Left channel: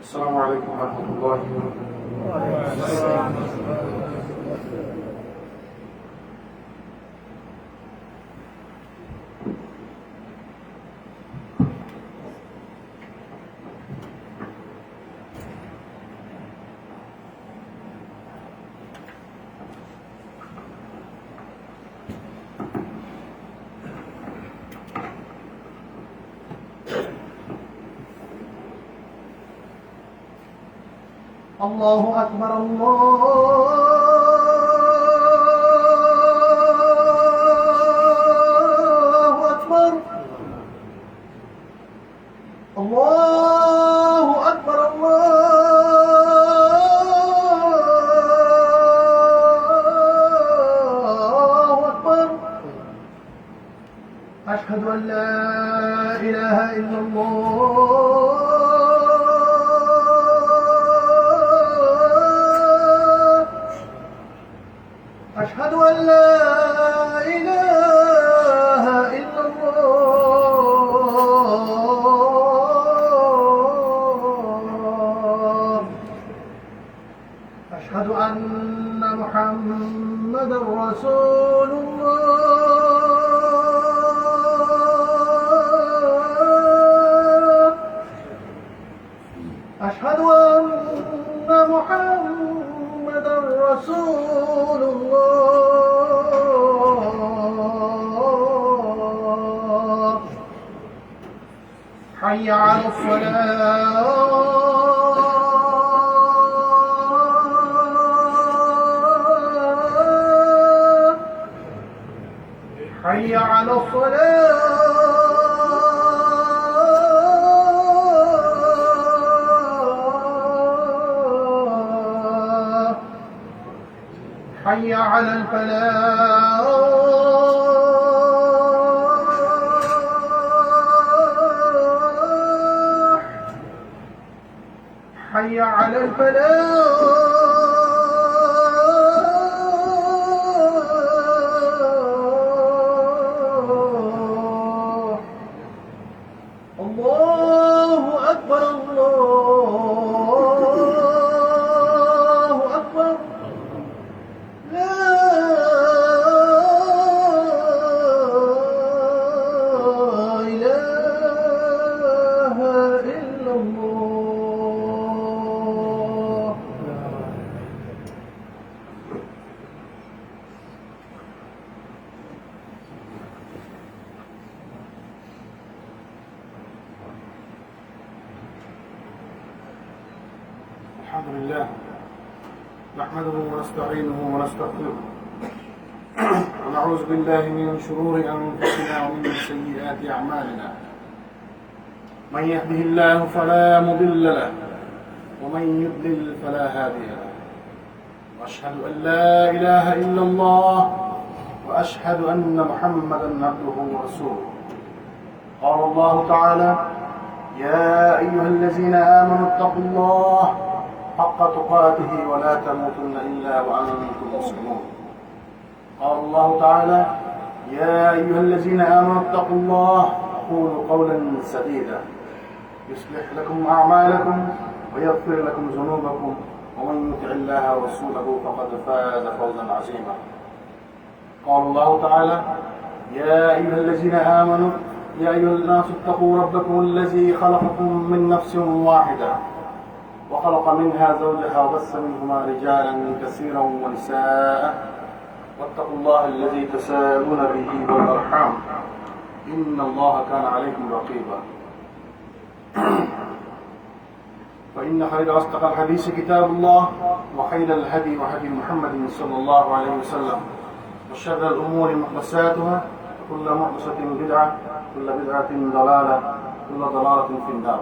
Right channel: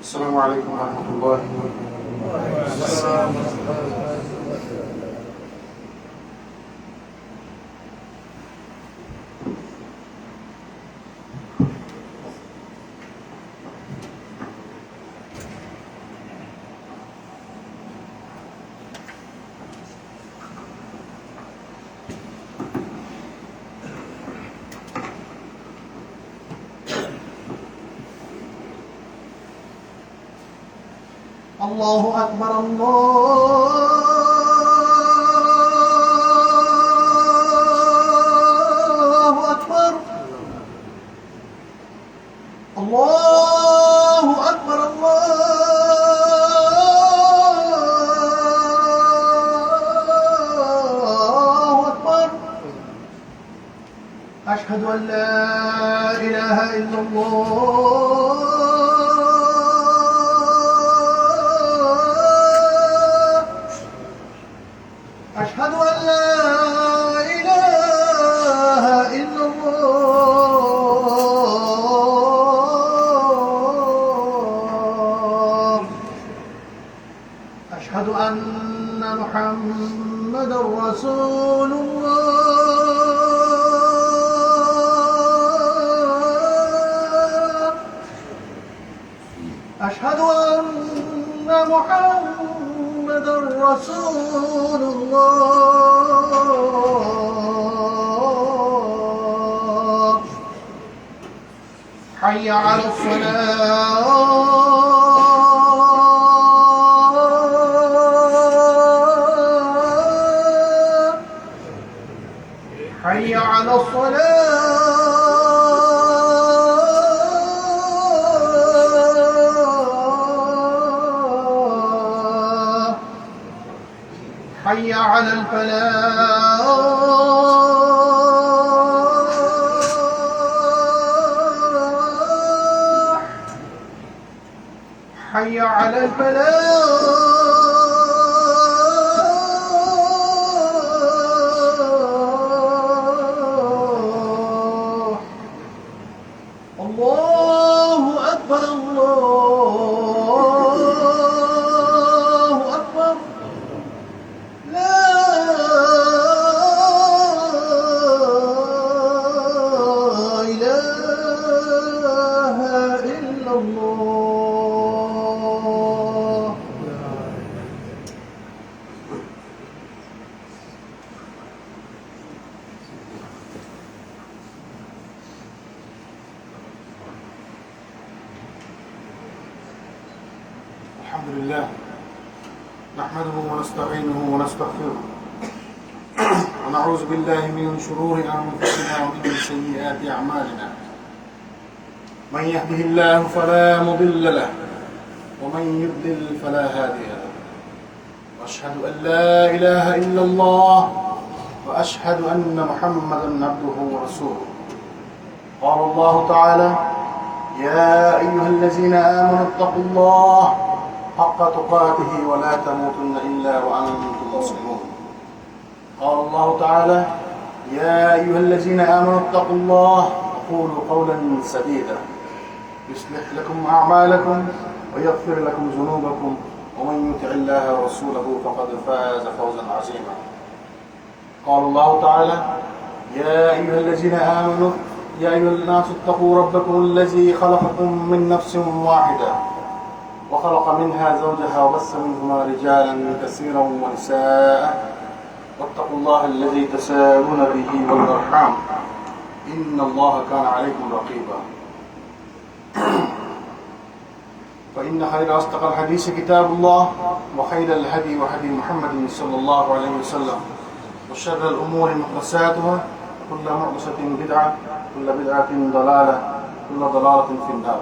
السلام عليكم ورحمة الله وبركاته. الله أكبر الله أكبر الله أكبر الله أكبر أشهد أن لا إله إلا الله أشهد أن لا إله إلا الله أشهد أن محمدا رسول الله أشهد أن محمدا رسول الله حي على الصلاة حي على الصلاة حي على الفلاح حي على الفلاح الله أكبر الله أكبر لا إله إلا الله الحمد لله نحمده ونستعينه ونستغفره ونعوذ بالله من شرور أنفسنا ومن سيئات أعمالنا من يهده الله فلا مضل له ومن يضلل فلا هادي له وأشهد أن لا إله إلا الله وأشهد أن محمدا عبده ورسوله قال الله تعالى يا أيها الذين آمنوا اتقوا الله حق تقاته ولا تموتن إلا وأنتم مسلمون قال الله تعالى يا أيها الذين آمنوا اتقوا الله وقولوا قولا سديدا يصلح لكم أعمالكم ويغفر لكم ذنوبكم ومن يطع الله ورسوله فقد فاز فوزا عظيما قال الله تعالى يا أيها الذين آمنوا يا أيها الناس اتقوا ربكم الذي خلقكم من نفس واحدة وخلق منها زوجها وبث منهما رجالا كثيرا ونساء واتقوا الله الذي تساءلون به والأرحام إن الله كان عليكم رقيبا فإن خير أصدق الحديث كتاب الله وخير الهدي وهدي محمد صلى الله عليه وسلم وشر الأمور محدثاتها كل محدثة بدعة كل بدعة ضلالة كل ضلالة في النار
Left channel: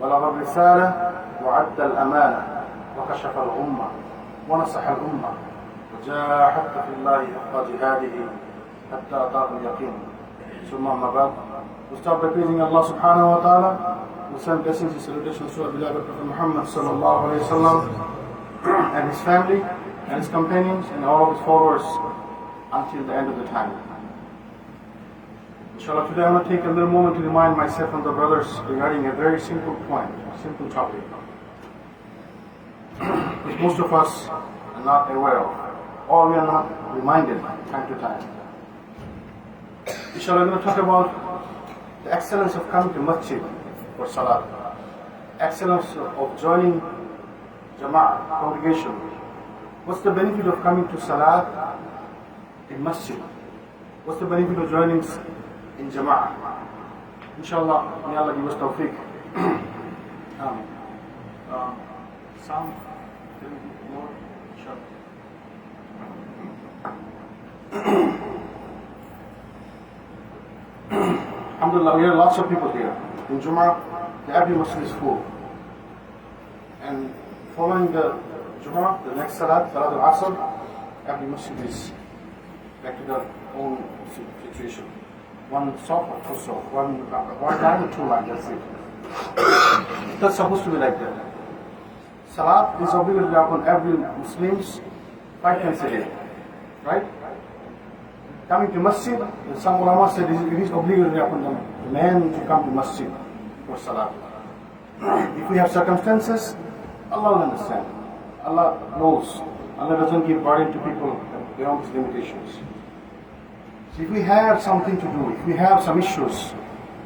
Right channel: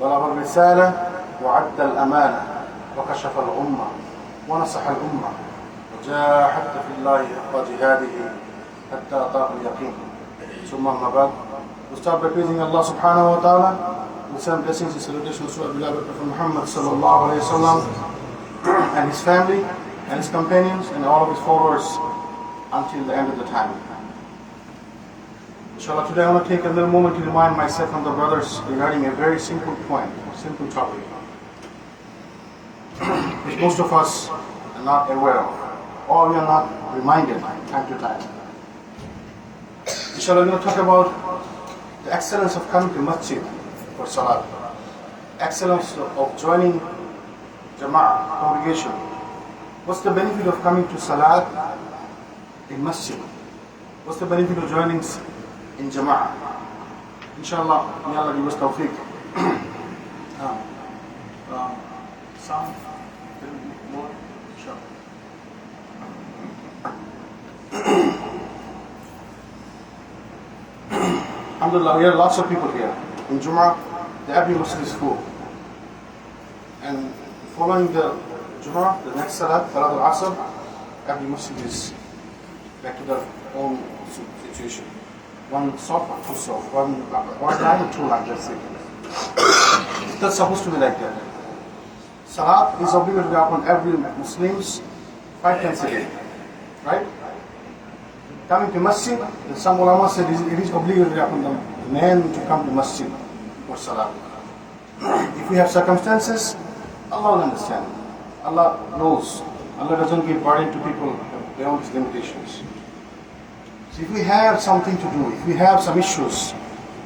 بلغ الرسالة وعد الأمانة وكشف الغمة ونصح الأمة وجاهد في الله حق جهاده حتى أتاه اليقين ثم أما بعد We start by praising Allah subhanahu wa ta'ala. We send blessings and salutations to our beloved Prophet Muhammad sallallahu alayhi wa sallam and his family and his companions and all of his followers until the end of the time. Inshallah, today I want to take a little moment to remind myself and the brothers regarding a very simple point, simple topic, which most of us are not aware of, or we are not reminded time to time. Inshallah, we're going to talk about the excellence of coming to masjid for salat, excellence of joining jama'ah, congregation. What's the benefit of coming to salat in masjid? What's the benefit of joining in jama'ah? Inshallah, may Allah give us tawfiq. Some more. Alhamdulillah, we have lots of people here. In Jum'ah, the every masjid is full. And following the Jum'ah, the next Salat al-Asr, every masjid is back to their own situation. One soft or two soft, one line or two lines, that's it. That's supposed to be like that. Salat is obligatory upon every Muslims 5 times a day. Right? Coming to masjid, some ulama said it is obligatory upon the man to come to masjid for salat. If we have circumstances, Allah will understand. Allah knows. Allah doesn't give burden to people beyond his limitations. So if we have something to do, if we have some issues,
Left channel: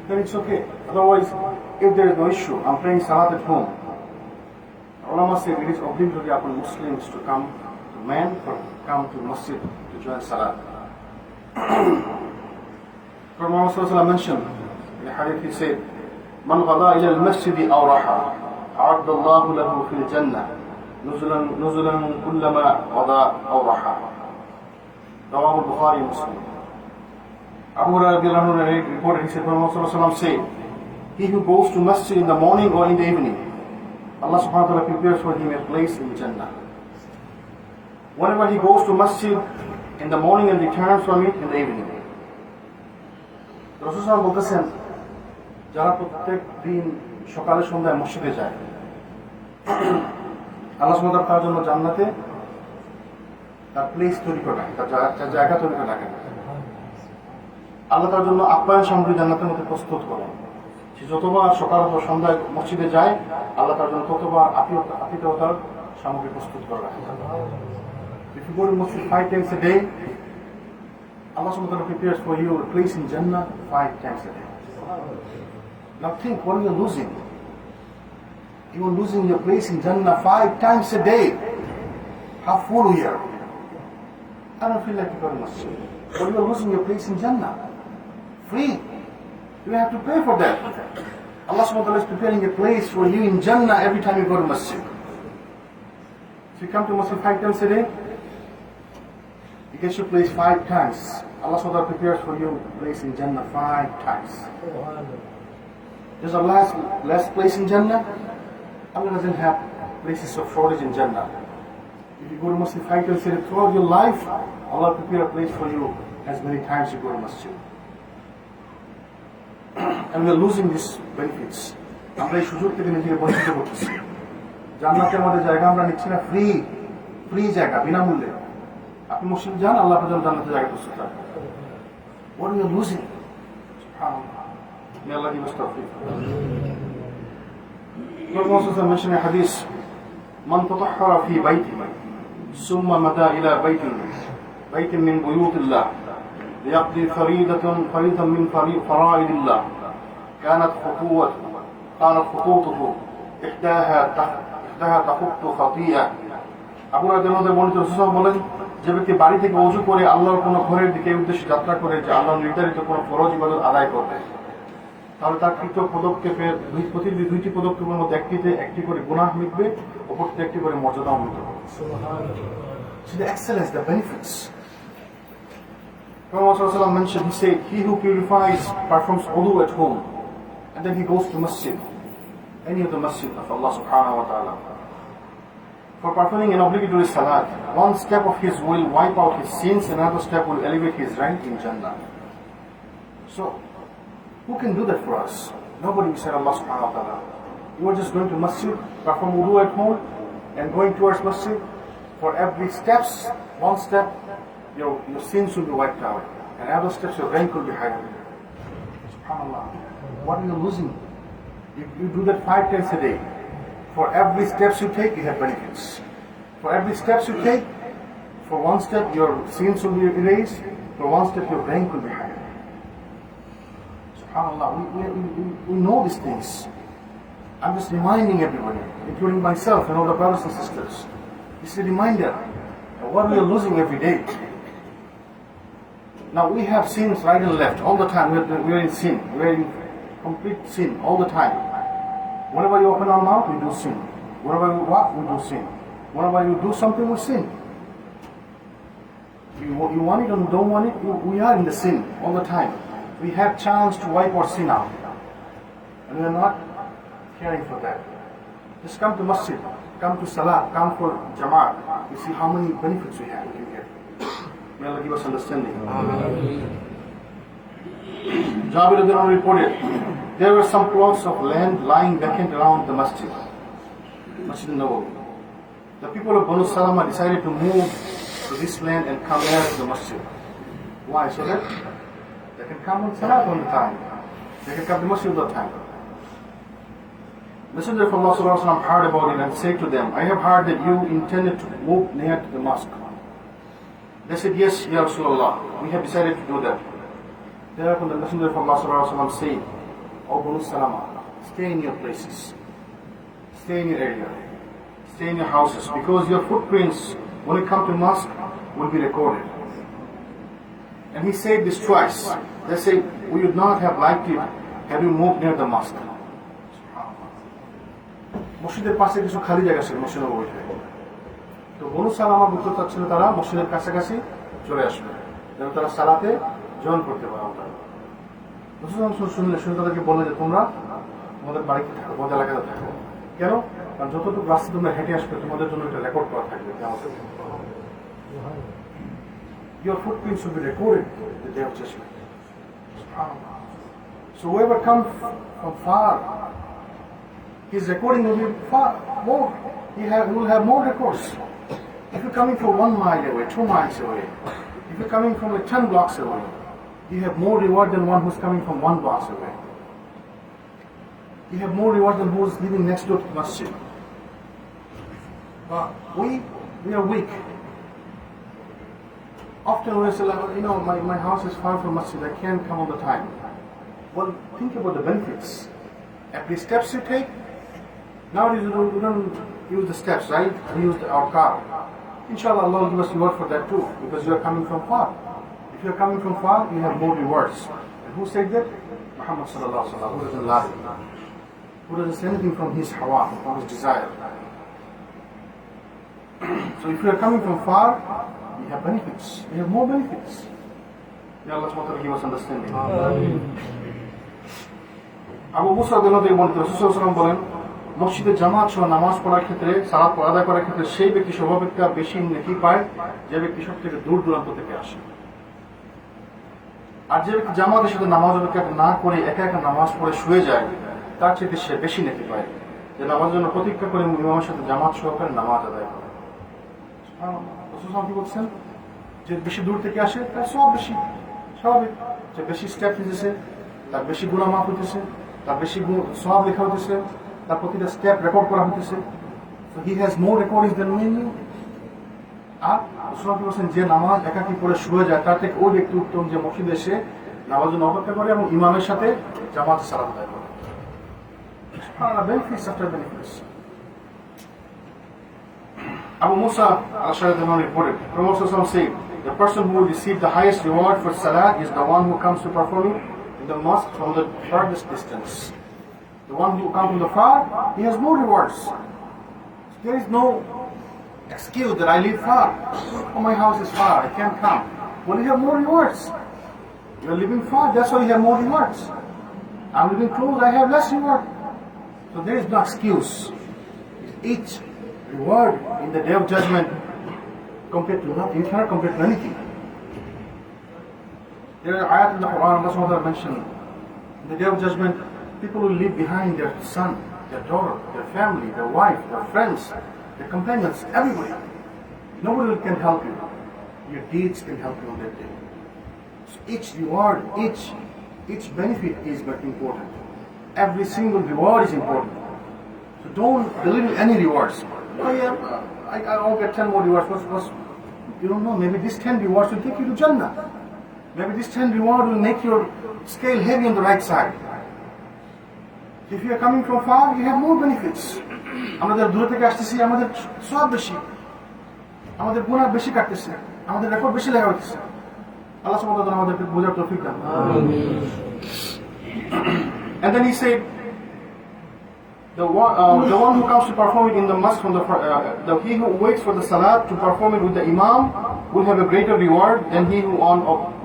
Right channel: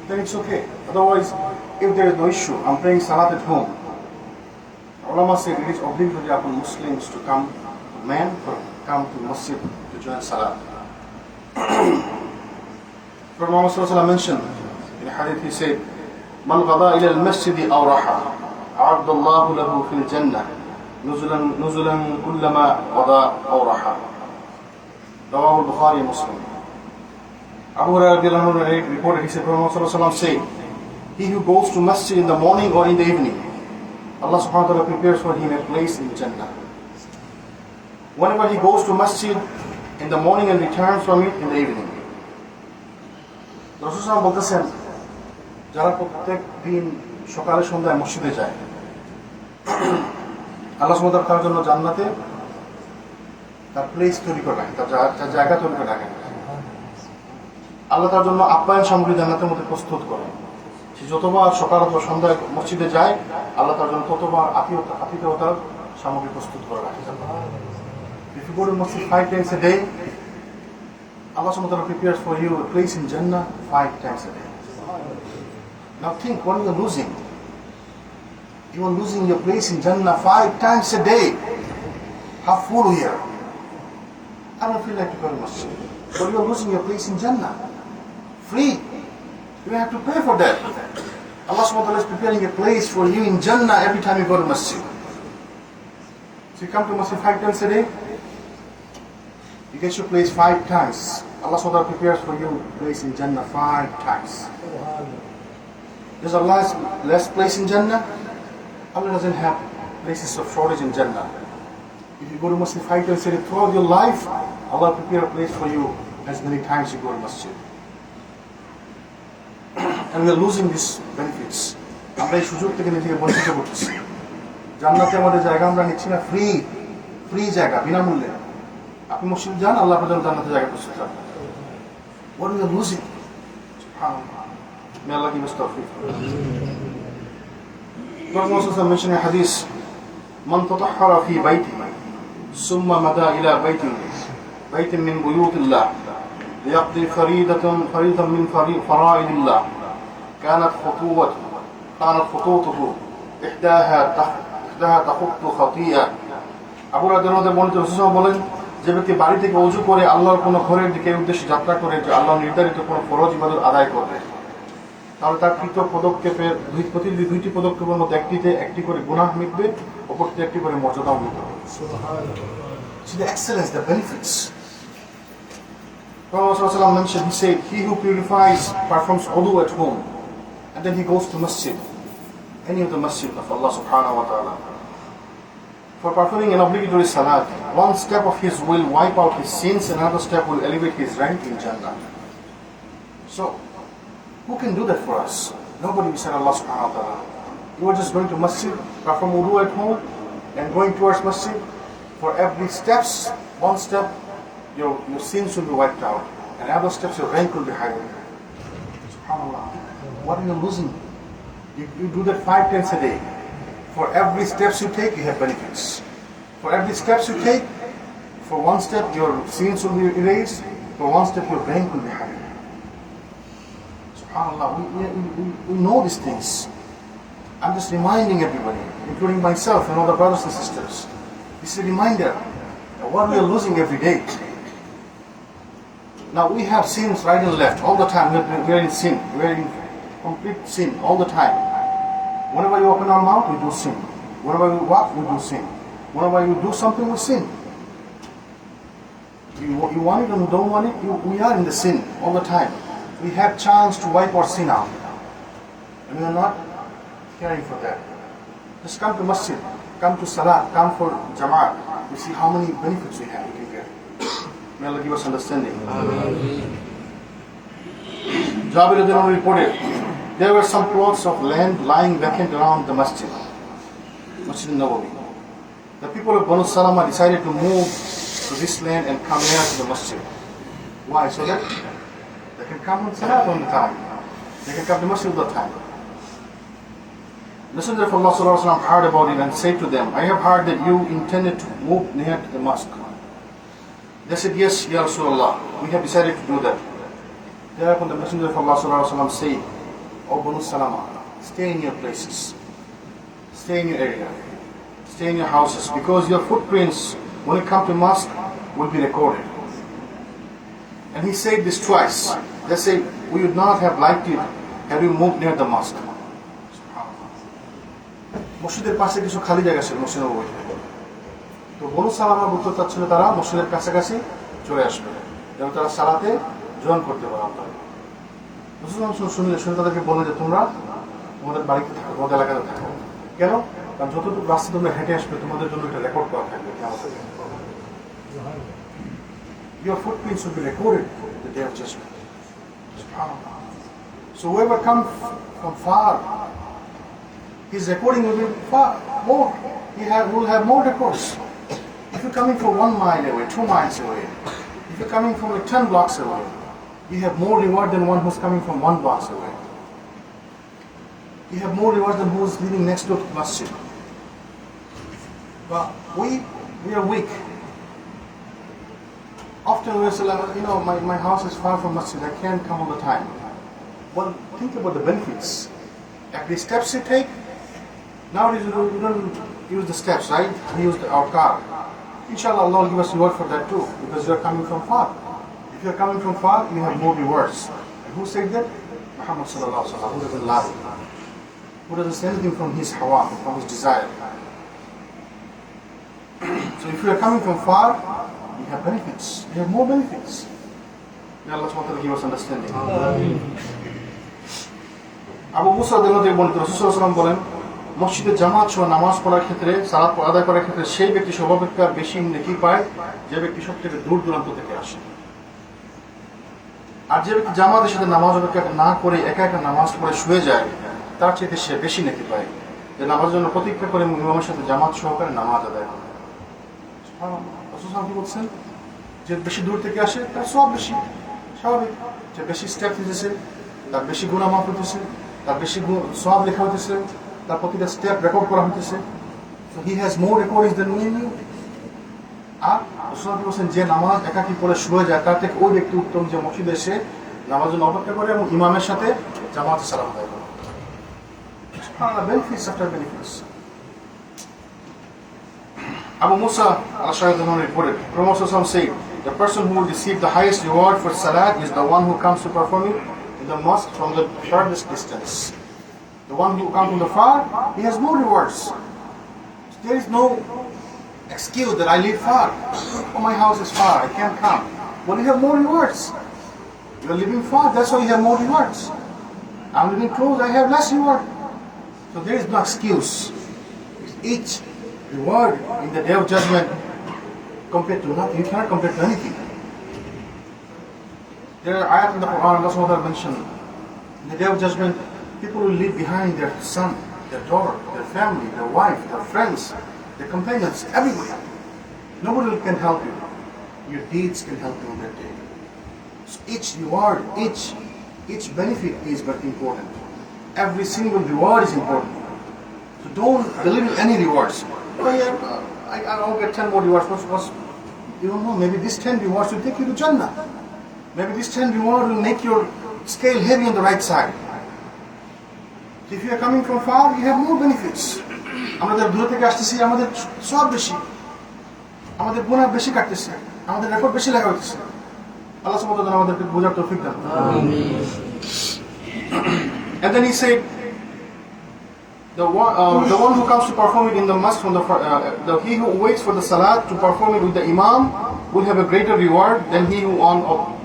then it's okay. Otherwise, if there is no issue, I'm praying salat at home. Ulama said it is obligatory upon Muslims to come, men to come to masjid to join salat. Prophet Muhammad mentioned in a hadith, he said, "Man ghada ila al-masjid aw raha, a'adda Allahu lahu fil jannah nuzulan kullama ghada aw raha." Rawahu al-Bukhari and Muslim. Abu Hurairah reported, he said, Prophet Muhammad said, "He who goes to masjid in the morning or in the evening, Allah subhanahu wa ta'ala prepares for him a place in Jannah. Whenever he goes to masjid in the morning and returns from it in the evening." রাসূল সাল্লাল্লাহু বলতেছেন, যারা প্রত্যেক দিন সকালে সন্ধ্যায় মসজিদে যায়, আল্লাহ সুবহানাহু ওয়া তাআলা তার জন্য জান্নাতে তার প্লেস তৈরি করে রাখেন, তার জায়গা তৈরি করে রাখেন। আল্লাহ তার জন্য আপ্যায়ন সামগ্রী জান্নাতের মধ্যে প্রস্তুত করেন। সে যতবার সকাল অথবা সন্ধ্যায় মসজিদে যায়, আল্লাহ তার জন্য ততবার আতিথ্যতার সামগ্রী প্রস্তুত করে রাখেন। If you go to masjid 5 times a day, Allah subhanahu wa ta'ala prepares for you a place in Jannah 5 times a day. Now think, what you are losing? You are losing your place in Jannah 5 times a day. How full we are. I don't feel like to go to masjid. But you are losing your place in Jannah. Free. You have to pay for that. Allah subhanahu wa ta'ala is preparing a place for you in Jannah every time you go to masjid. So you come to masjid 5 times a day, you get your place 5 times. Allah subhanahu wa ta'ala prepares for you a place in Jannah 5 times. There's a last place in Jannah. Allah doesn't have places of shortage in Jannah. If you go to masjid 5 times a day throughout your life, Allah will prepare a place for you as many times you go to masjid. And we are losing these benefits. আমরা এই সুযোগ থেকে নিজেকে বঞ্চিত করতেছি। জান্নাতের মধ্যে জায়গা আমরা নিচ্ছি না, ফ্রি জায়গা, বিনামূল্যে। আপনি মসজিদে যান, আল্লাহ আপনার জন্য জান্নাতের জায়গা প্রস্তুত রাখবেন। What we are losing? Subhanallah. May Allah give us tawfiq. Prophet Muhammad mentioned in a hadith, "Man tatahhara fi baytihi, summa mada ila baytin min buyutillah, liyaqdi faridatan min fara'idillah, كانت خطوته إحداها تخط خطيئة." Abu Hurairah বলেন, রাসূলুল্লাহ বলেন, যে ব্যক্তি বাড়ি থেকে ওযু করে আল্লাহর কোনো ঘরের দিকে উদ্দেশ্যে যাত্রা করে, যে আল্লাহর নির্ধারিত কোনো ফরজ ইবাদত আদায় করবে, তাহলে তার কৃত পদক্ষেপের দুইটি পদক্ষেপের মধ্যে একটি করে গুনাহ মিটবে, অপরটি একটি করে মর্যাদাও মিটবে। So the excellence, the benefits. Prophet mentioned, he said, "He who purifies, performs wudu at home, and then he goes to masjid, any of the masjid of Allah subhanahu wa ta'ala, for performing an obligatory salat, one step of his will wipe out his sins, and another step will elevate his rank in Jannah." So, Who can do that for us? Nobody beside Allah subhanahu wa ta'ala. You are just going to masjid, perform wudu at home, and going towards masjid. For every steps, one step, your sins will be wiped out. And other steps, your rank will be higher. SubhanAllah. What are you losing? You do that 5 times a day. For every steps you take, you have benefits. For every steps you take, for one step, your sins will be erased. For one step, your rank will be higher. SubhanAllah. We know these things. I'm just reminding everybody, including myself and all the brothers and sisters. This is a reminder of what we are losing every day. Now we have sins right and left all the time. We are in sin. We are in complete sin all the time. Whenever you open our mouth, we do sin. Whenever we walk, we do sin. Whenever you do something, we sin. You want it and don't want it, we are in the sin all the time. We have chance to wipe our sin out. And we are not caring for that. Just come to masjid, come to salah, come for jamaat. You see how many benefits we have here. May Allah give us understanding. Jabir Adhan reported, there were some plots of land lying vacant around the masjid, Masjid Nabawi. The people of Banu Salama decided to move to this land and come near to the masjid. Why? So that they can come and salah on the time. They can come to masjid all the time. Messenger of Allah Sallallahu Alaihi Wasallam heard about it and said to them, I have heard that you intended to move near to the mosque. They said, yes, Ya Rasulullah, we have decided to do that. Thereupon the Messenger of Allah Sallallahu Alaihi Wasallam said, O Banu Salama, stay in your places, stay in your area, stay in your houses, because your footprints, when you come to mosque, will be recorded. And he said this twice. They say, we would not have liked it had you moved near the mosque. মসজিদের পাশে কিছু খালি জায়গা ছিল মসজিদ নববীতে। তো বনু সালামা বলতে চাচ্ছিল তারা মসজিদের কাছাকাছি চলে আসবে যেন তারা সালাতে জয়েন করতে পারে। আমরা শুনে তাদেরকে বললেন যে তোমরা তোমাদের বাড়িতে থাকো, তোমাদের এলাকাতে থাকো। কেন? কারণ যতটুকু রাস্তা তোমরা হেঁটে আসবে তোমাদের জন্য একটা রেকর্ড করা থাকবে। Your footprints will be recorded the day of judgment. So whoever comes from far, his recording will be far more. He will have more records. If you're coming from 1 mile away, 2 miles away, if you're coming from 10 blocks away, you have more reward than one who's coming from 1 block away. You have more reward than who's living next door to masjid. But we are weak. Often we say, my house is far from masjid, I can't come all the time. Well, think about the benefits. Every steps you take, nowadays we don't use the steps, right? We use our car. Inshallah, Allah will give us reward for that too, because you are coming from far. If you are coming from far, you have more rewards. And who said that? Muhammad sallallahu alaihi wasallam, who doesn't lie, who doesn't say anything from his hawa, from his desire. So if you are coming from far, you have benefits. You have more benefits. May Allah subhanahu wa ta'ala give us understanding. Abu মুসা রাদিয়াল্লাহু আনহু বলেন, রাসূল সাল্লাল্লাহু আলাইহি ওয়াসাল্লাম বলেন, মসজিদে জামাত সহ নামাজ পড়ার ক্ষেত্রে, সালাত আদায় করার ক্ষেত্রে সেই ব্যক্তি সর্বাপেক্ষা বেশি নেকি পায় যে ব্যক্তি সব থেকে দূর দূরান্ত থেকে আসে। আর যে ব্যক্তি জামাতের সাথে নামাজ না করে একা একা নামাজ পড়ে শুয়ে যায়, তার চাইতে সে বেশি নেকি পায় যে নামাজের জন্য প্রতীক্ষা করে ইমামের সাথে জামাত সহকারে নামাজ আদায় করে। রাসূল সাল্লাল্লাহু আলাইহি ওয়াসাল্লাম কি বলছেন? যে বেশি দূর থেকে আসে তার সব বেশি, স্বাভাবিক। যে বেশি স্টেপ নিতেছে তার বেশি গুনাহ মাফ হতেছে, তার বেশি সওয়াব লেখা হতেছে, তার প্রতিটা স্টেপ রেকর্ড করা হতেছে। So he has more recordings than me. আর রাসূল বলেছেন যে নামাজ একাকী পড়ে শুয়ে যায় তার থেকে ওই ব্যক্তি উত্তম যে মসজিদে এসে নামাজ জন্য অপেক্ষা করে এবং ইমামের সাথে জামাতে সালাত আদায় করে। Benefits after benefits. Abu Musa al-Ash'ari reported, Prophet ﷺ said, the person who will receive the highest reward for salat is the one who comes to perform it in the mosque from the furthest distance. The one who comes from the far, he has more rewards. There is no excuse that I live far. Oh, my house is far, I can't come. Well, you have more rewards. You are living far, that's why you have more rewards. I'm living close, I have less reward. So there is no excuse. Each reward in the day of judgment compared to nothing. You cannot compare to anything. There are ayat in the Quran, Allah subhanahu wa ta'ala mentioned, In the day of judgment, people will leave behind their son, their daughter, their family, their wife, their friends, their companions, everybody. Nobody can help you. Your deeds can help you on that day. So each reward, each benefit is very important. Every single reward is important. So don't believe in any rewards. Oh yeah, I'll get 10 more rewards. You don't know, maybe these 10 rewards will take you to Jannah. Maybe this 10 reward will make your scale heavy on the right side. If you are coming from far, you have more benefits. আমাদের দূরে থেকে আসতেছি, আমাদের সব বেশি, আমাদের গুনাহ বেশি কাটতেছে, আমাদের রেকর্ড বেশি লেখা হচ্ছে। আল্লাহ সুবহানাহু ওয়া তাআলা আমাদেরকে বুঝার তৌফিক দান করুন। আমিন। And then he said, the one who comes to perform it in the mosque from he who waits for the salat to perform it with the imam will have a greater reward than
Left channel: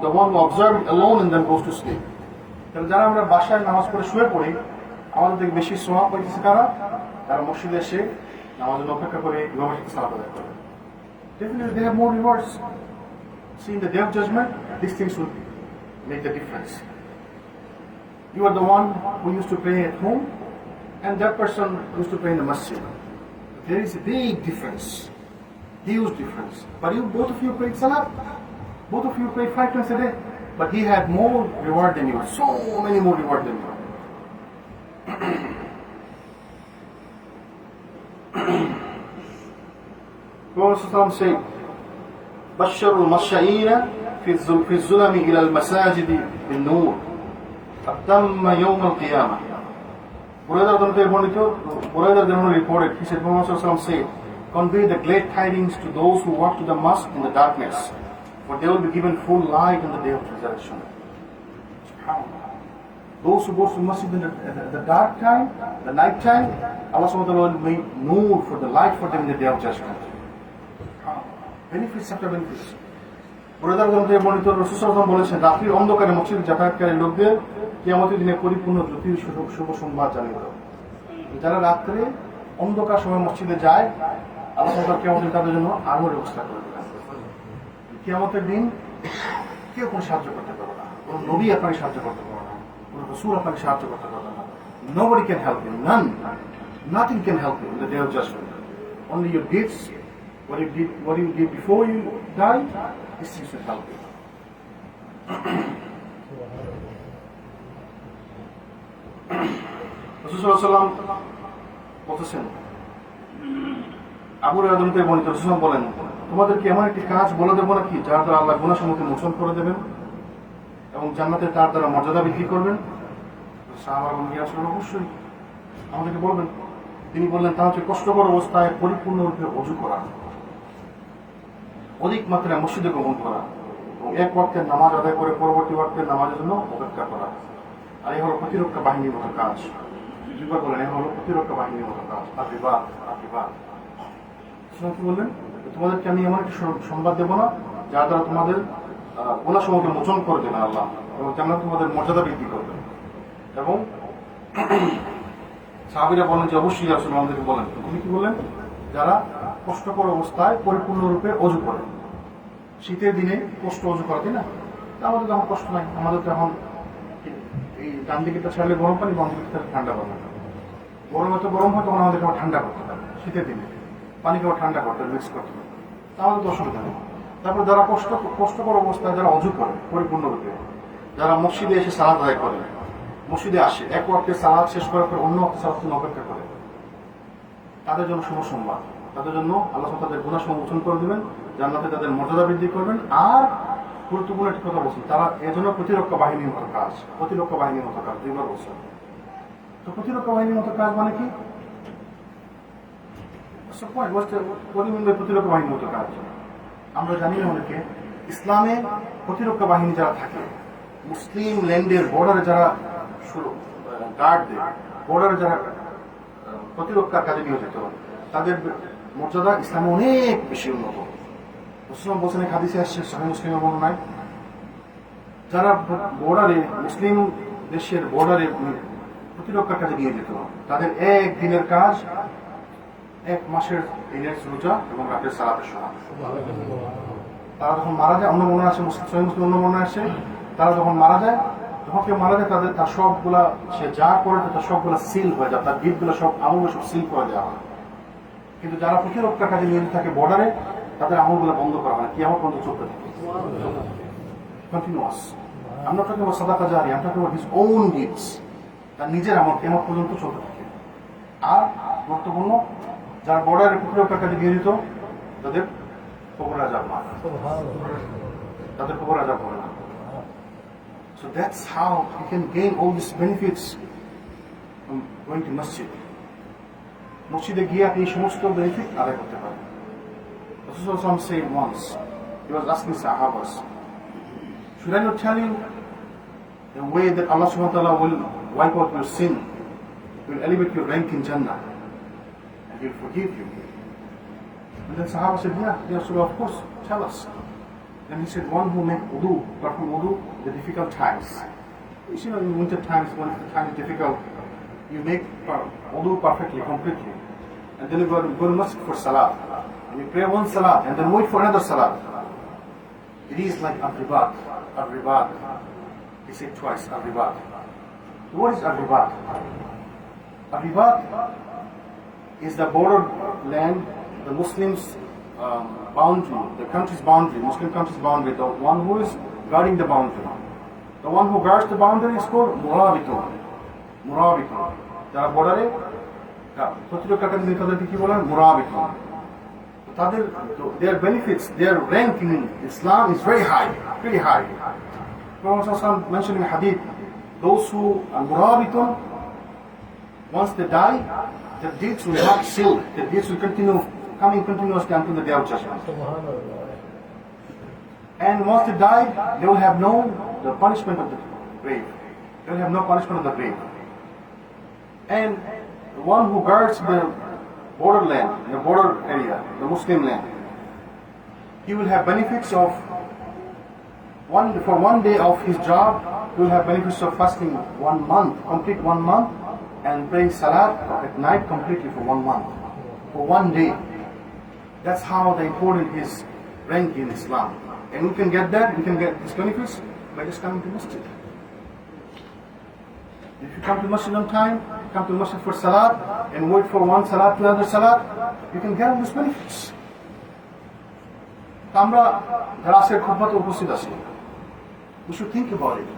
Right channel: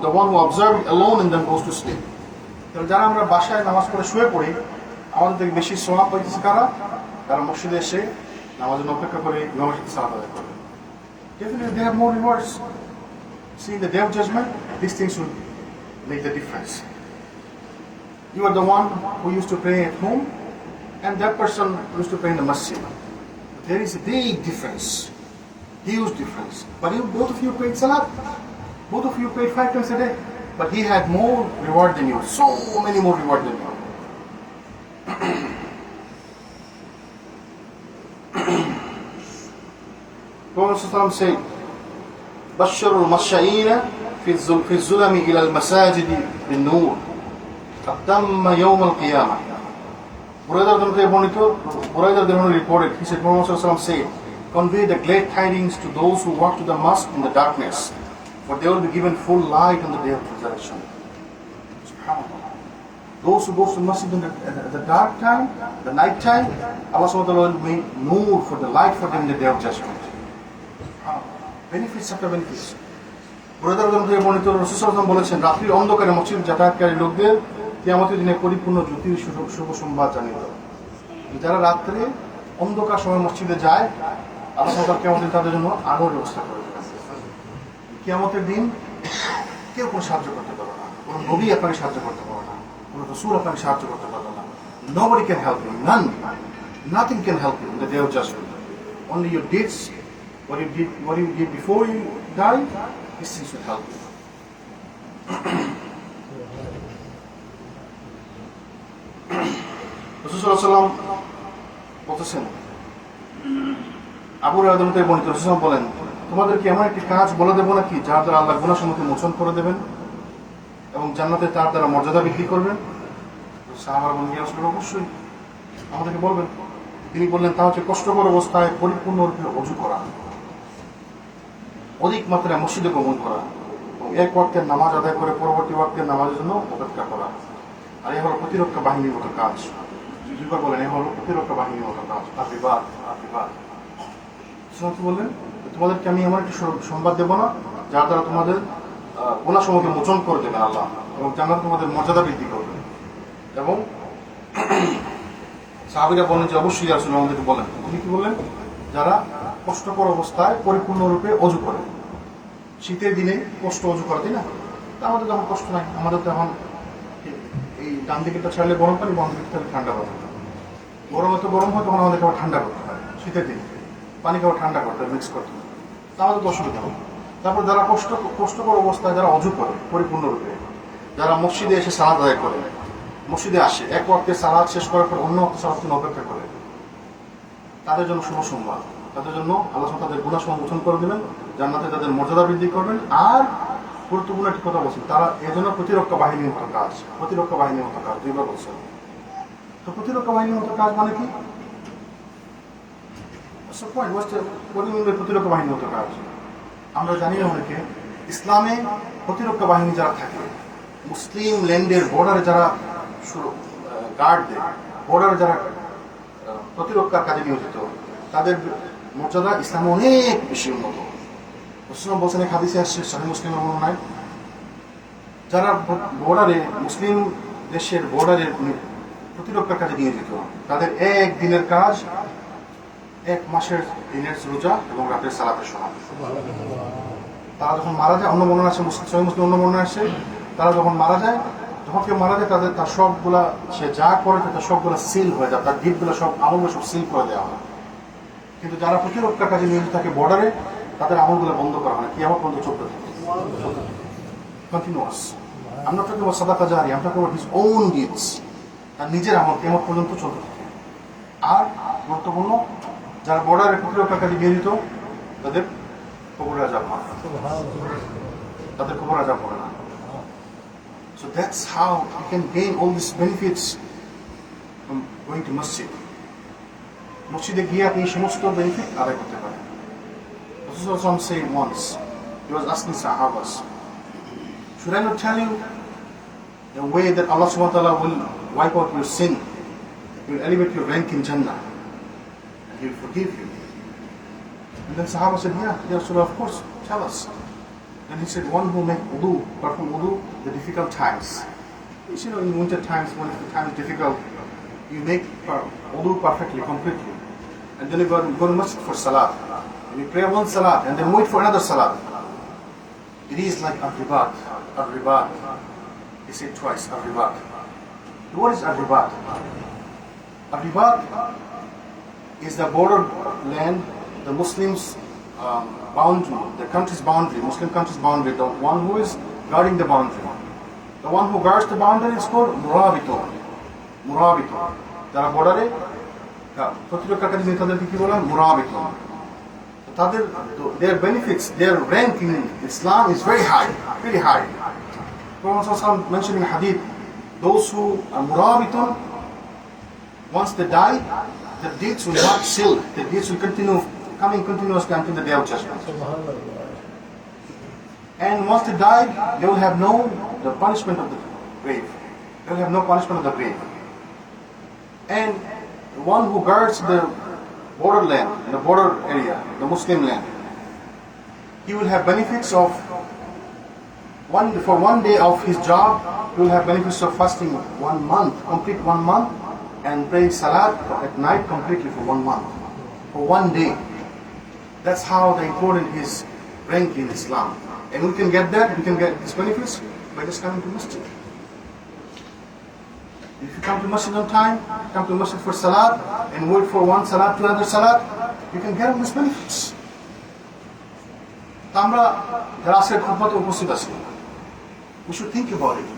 the one who observes it alone and then goes to sleep. তাহলে যারা আমরা বাসায় নামাজ পড়ে শুয়ে পড়ি, আমাদের থেকে বেশি সওয়াব পাইতেছে কারা? তারা মসজিদে এসে নামাজের অপেক্ষা করে ইমামের সাথে সালাত আদায় করে। Definitely they have more rewards. See, in the day of judgment, these things will make the difference. You are the one who used to pray at home, and that person used to pray in the masjid. There is a big difference, huge difference. But both of you prayed salat, both of you prayed 5 times a day, but he had more reward than you, so many more reward than you. Prophet said, بشروا المشائين في الظلم إلى المساجد بالنور أتم يوم القيامة. Buraydar reported, he said, Prophet said, convey the glad tidings to those who walk to the mosque in the darkness, for they will be given full light on the day of resurrection. SubhanAllah. Those who go to the masjid in the dark time, the night time, Allah subhanahu wa ta'ala will make nur for the light for them in the day of judgment. Benefits after benefits. Buraydar বর্ণিত রাসূল সাল্লাল্লাহু আলাইহি ওয়াসাল্লাম বলেছেন, রাত্রির অন্ধকারে মসজিদে যাতায়াতকারী লোকদের কিয়ামতের দিনে পরিপূর্ণ জ্যোতির শুভ সংবাদ জানিয়ে দাও। যারা রাত্রে অন্ধকার সময় মসজিদে যায়, আল্লাহ তাআলা কিয়ামতের দিন তাদের জন্য আলোর ব্যবস্থা করে দেবেন। কিয়ামতের দিন কেউ কোনো সাহায্য করতে পারবে না, কোনো নবী আপনাকে সাহায্য করতে পারবে না, কোনো রাসূল আপনাকে সাহায্য করতে পারবে না। Nobody can help you, none, nothing can help you in the day of judgment. Only your deeds, what you did before you die, these things will help you. রাসূল সাল্লাল্লাহু আলাইহি ওয়াসাল্লাম বলতেছেন, আবু হুরায়রা থেকে বর্ণিত, রাসূল সাল্লাল্লাহু আলাইহি ওয়াসাল্লাম বলেন, তোমাদেরকে এমন একটি কাজ বলে দেবো নাকি যার দ্বারা আল্লাহ গুনাহসমূহকে মোচন করে দেবেন এবং জান্নাতে তার দ্বারা মর্যাদা বৃদ্ধি করবেন? সাহাবারা বললেন, ইয়া রাসূলুল্লাহ, অবশ্যই আমাদেরকে বলবেন। তিনি বললেন, তা হচ্ছে কষ্টকর অবস্থায় পরিপূর্ণরূপে ওযু করা, অধিক মাত্রায় মসজিদে গমন করা এবং এক ওয়াক্তের নামাজ আদায় করে পরবর্তী ওয়াক্তের নামাজের জন্য অপেক্ষা করা। আর এই হলো প্রতিরক্ষা বাহিনীর মতো কাজ। দুইবার বলেন, এই হলো প্রতিরক্ষা বাহিনীর মতো কাজ। আশীর্বাদ বললেন, তোমাদেরকে আমি এমন একটি সংবাদ দেবো না যার দ্বারা তোমাদের গুনাহসমূহকে মোচন করে দেবে আল্লাহ এবং জান্নাতে তোমাদের মর্যাদা বৃদ্ধি করবে। এবং সাহাবীরা বলেন যে অবশ্যই ইয়া রাসূলুল্লাহ, আমাদেরকে বলেন। তিনি কি বললেন? যারা কষ্টকর অবস্থায় পরিপূর্ণরূপে ওযু করে। শীতের দিনে কষ্ট ওযু করে, তাই না? আমাদের তো এখন কষ্ট নাই, আমাদের তো এখন এই ডান দিকেটা ছাড়লে গরম পানি, বাম দিকে ঠান্ডা পানি। গরম এত গরম হয় তখন আমাদেরকে আবার ঠান্ডা করতে হয়, শীতের দিনে পানিকে আবার ঠান্ডা করতে হয়, মিক্স করতে হয়, আমাদের তো অসুবিধা নেই। তারপর যারা কষ্টকর অবস্থায় যারা ওযু করে পরিপূর্ণরূপে, যারা মসজিদে এসে সালাত আদায় করে, মসজিদে আসে, এক ওয়াক্তে সালাত শেষ করার পর অন্য ওয়াক্তে সালাতের জন্য অপেক্ষা করে, তাদের জন্য শুভ সংবাদ। তাদের জন্য আল্লাহ তাদের গুনাহসমূহ মোচন করে দেবেন, জান্নাতে তাদের মর্যাদা বৃদ্ধি করবেন। আর গুরুত্বপূর্ণ একটি কথা বলছেন, তারা এজন্য প্রতিরক্ষা বাহিনীর মতো কাজ, প্রতিরক্ষা বাহিনীর মতো কাজ দুইবার বলছেন। তো প্রতিরক্ষা বাহিনীর মতো কাজ মানে কি? প্রতিরক্ষা বাহিনীর মতো কাজ আমরা জানি না অনেকে। ইসলামে প্রতিরক্ষা বাহিনী যারা থাকে, মুসলিম ল্যান্ডের বর্ডারে যারা গার্ড দেয়, বর্ডারে যারা প্রতিরক্ষার কাজে নিয়োজিত, তাদের মর্যাদা ইসলামে অনেক বেশি উন্নত। মুসলিম বলছেন, এক হাদিসে আসছে, সহিহ মুসলিমের বর্ণনায়, যারা বর্ডারে, মুসলিম দেশের বর্ডারে প্রতিরক্ষার কাজে নিয়োজিত, তাদের এক দিনের কাজ 1 মাসের দিনের রোজা এবং রাতের সালাতের সমান। তারা যখন মারা যায়, অন্য বর্ণনা আসে, সহিহ মুসলিম অন্য বর্ণনা আসে, তারা যখন মারা যায় যখন কেউ মারা যায় তার সবগুলা সে যা করে তার সবগুলা সিল হয়ে যায়, তার গিফটগুলো সব আমলগুলো সব সিল করে দেওয়া হয়। কিন্তু যারা প্রতিরক্ষা কাজে নিয়োজিত থাকে বর্ডারে, তাদের আমলগুলো বন্ধ করা হয়, কিয়ামত পর্যন্ত চলতে থাকে, কন্টিনিউয়াস। আমরা তো কেবল সাদাকা জারি, আমরা কেবল হিজ ওন ডিডস, তার নিজের আমল কিয়ামত পর্যন্ত চলতে থাকে। আর গুরুত্বপূর্ণ, যারা বর্ডারে প্রতিরক্ষা কাজে নিয়োজিত তাদের কবরে আযাব না, তাদের কবরে আযাব হবে না। So that's how you can gain all these benefits from going to masjid. মসজিদে গিয়ে আপনি সমস্ত বেনিফিট আদায় করতে পারেন। Rasulullah said once, he was asking Sahabas, should I not tell you the way that Allah subhanahu wa ta'ala will wipe out your sin, He will elevate your rank in Jannah, and He will forgive you? And then Sahaba said, yeah, Rasulullah, of course, tell us. Then he said, one who make wudu, perform wudu, the difficult times. You know, in winter times, when the time is difficult, you make wudu perfectly, completely. And then you go to masjid for salah. And you pray one salah, and then wait for another salah. It is like al-ribat, al-ribat. He said twice, al-ribat. What is al-ribat? Al-ribat is the border land, the Muslims' boundary, the country's boundary, Muslim country's boundary, the one who is guarding the boundary. The one who guards the boundary is called murabitun. Murabitun. যারা বর্ডারে প্রতিরক্ষা কাজে নিয়ে তাদেরকে কি বলা হয়? মুরাবিতুন। তাদের their benefits, their rank in Islam is very high, very high. Prophet mentioned in hadith, those who are murabitun, once they die, their deeds will not seal, their deeds will continue coming continuously until the day of judgment. And once they die, they will have the punishment of the grave. They will have no punishment of the grave. And the one who guards the borderland, the border area, the Muslim land, he will have benefits of for one day of his job, he will have benefits of fasting 1 month, complete 1 month, and praying salat at night completely for 1 month, for 1 day. That's how the important is rank in Islam. And we can get that, we can get these benefits by just coming to masjid. If you come to masjid on time, come to masjid for salat, and wait for one salat to another salat, you can get all these benefits. আমরা যারা আজকের খুতবাতে উপস্থিত আছি, we should think about it.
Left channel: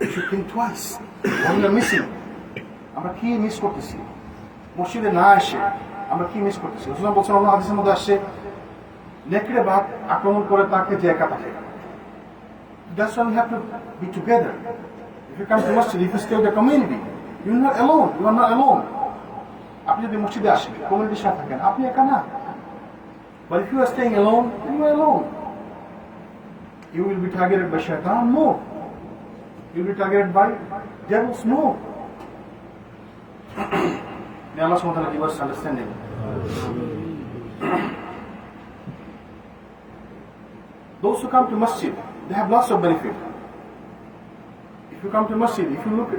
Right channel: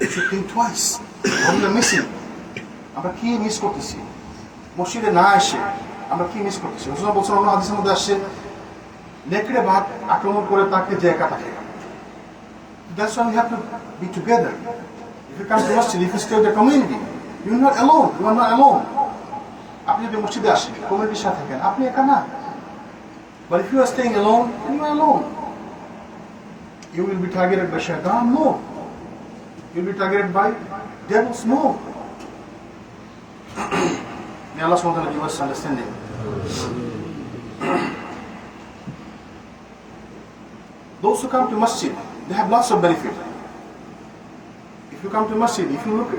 We should think twice. What we are missing. আমরা কি miss করতেছি? মসজিদে না এসে আমরা কি মিস করতেছি? রাসূলুল্লাহ বলেছেন, অন্য হাদিসের মধ্যে আসছে, নেকড়ে বাঘ আক্রমণ করে তাকে যে একা থাকে। That's why we have to be together. If you come to masjid, if you stay in the community, you are not alone. You are not alone. আপনি যদি মসজিদে আসেন, কমিউনিটির সাথে থাকেন, আপনি একা না। But if you are staying alone, then you are alone. You will be targeted by shaitan? No. You will be targeted by devils? No. May Allah subhanahu wa ta'ala give us understanding. Those who come to masjid, they have lots of benefit. If you come to masjid,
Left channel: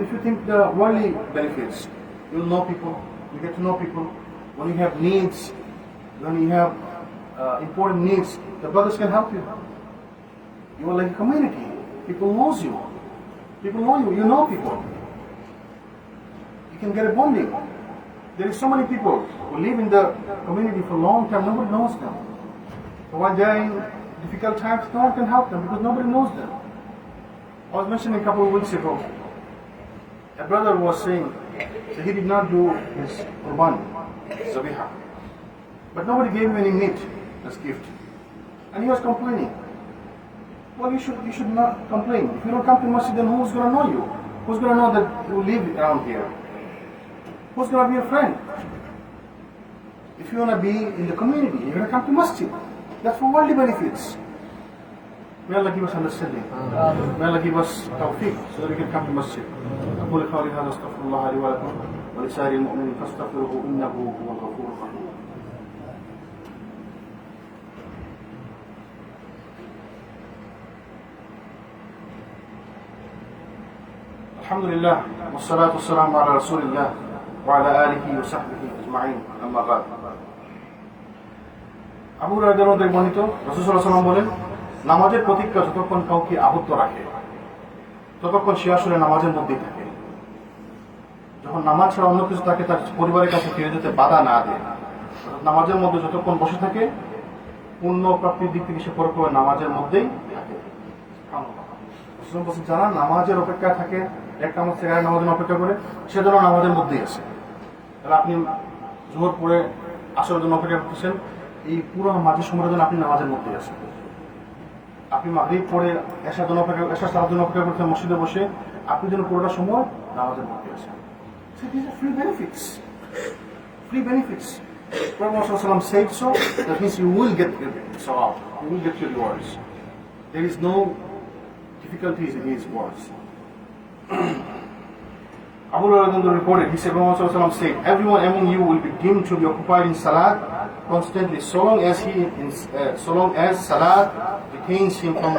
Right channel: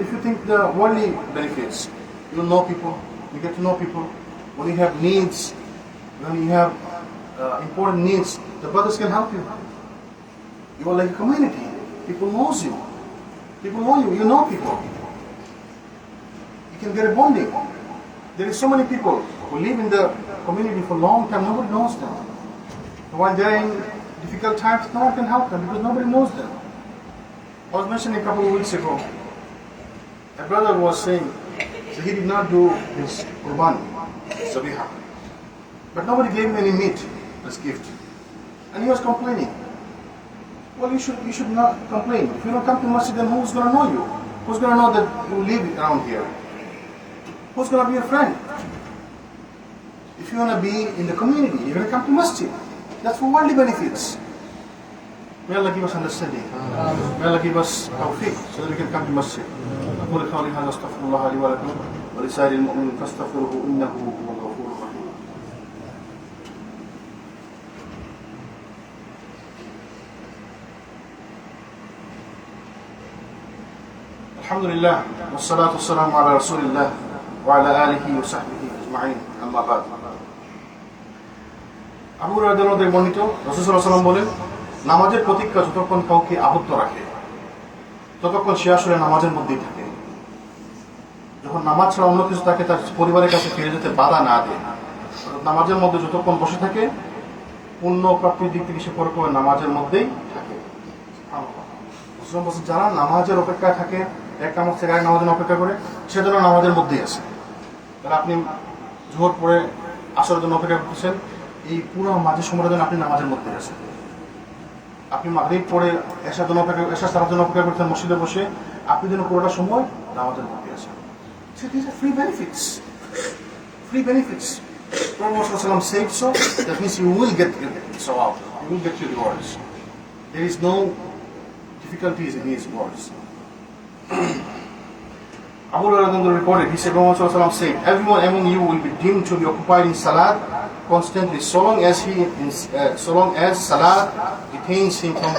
if you think the worldly benefits, you know people, you get to know people. When you have needs, when you have important needs, the brothers can help you. You are like a community. People knows you. People know you. You know people. You can get a bonding. There is so many people who live in the community for a long time. Nobody knows them. So while they are in difficult times, no one can help them because nobody knows them. I was mentioning a couple of weeks ago, a brother was saying, so he did not do his qurban, zabiha, but nobody gave him any meat as gift, and he was complaining. Well, you should not complain. If you don't come to masjid, then who's going to know you? Who's going to know that you live around here? Who's going to be your friend? If you want to be in the community, you're going to come to masjid. That's for worldly benefits. May Allah give us understanding. May Allah give us tawfiq so that we can come to masjid. أقول قولي هذا أستغفر الله لي ولكم ولسائر المؤمنين فاستغفروه إنه هو الغفور الرحيم. الحمد لله والصلاة والسلام على رسول الله وعلى آله وصحبه أجمعين. أما بعد. Abu Hurairah রাদিয়াল্লাহু আনহু বর্ণিত, রাসূল সাল্লাল্লাহু আলাইহি ওয়াসাল্লাম বলেন, নামাজের প্রতীক্ষা যতক্ষণ কাউকে আবদ্ধ রাখে ততক্ষণ সে আসলে নামাজের মধ্যেই থাকে। যখন নামাজ ছাড়া অন্য কিছু তাকে তার পরিবারের কাছে ফিরে যেতে বাধা না দেয়, নামাজের মধ্যে যতক্ষণ বসে থাকে পূর্ণ প্রাপ্তির দিক থেকে সে পরকালে নামাজের মধ্যেই থাকে। যারা নামাজের অপেক্ষায় থাকে, এক নামাজ থেকে আরেক নামাজের অপেক্ষা করে, সে যেন নামাজের মধ্যেই আছে। তাহলে আপনি জোহর পরে আসরের জন্য অপেক্ষা করতেছেন, এই পুরো মাঝের সময়টার জন্য আপনি নামাজের মধ্যেই আছেন। আপনি মাগরিব পরে এশার জন্য অপেক্ষা, এশার সালার জন্য অপেক্ষা করতেন মসজিদে বসে, আপনি যেন পুরোটা সময় নামাজের মধ্যে আছেন। So these are free benefits. Free benefits. Prophet ﷺ said so, that means you will get sawab, you will get your rewards. There is no difficulties in his words. Abu Hurairah reported, he said, Prophet ﷺ said, everyone among you will be deemed to be occupied in salat constantly, so long as salat retains him from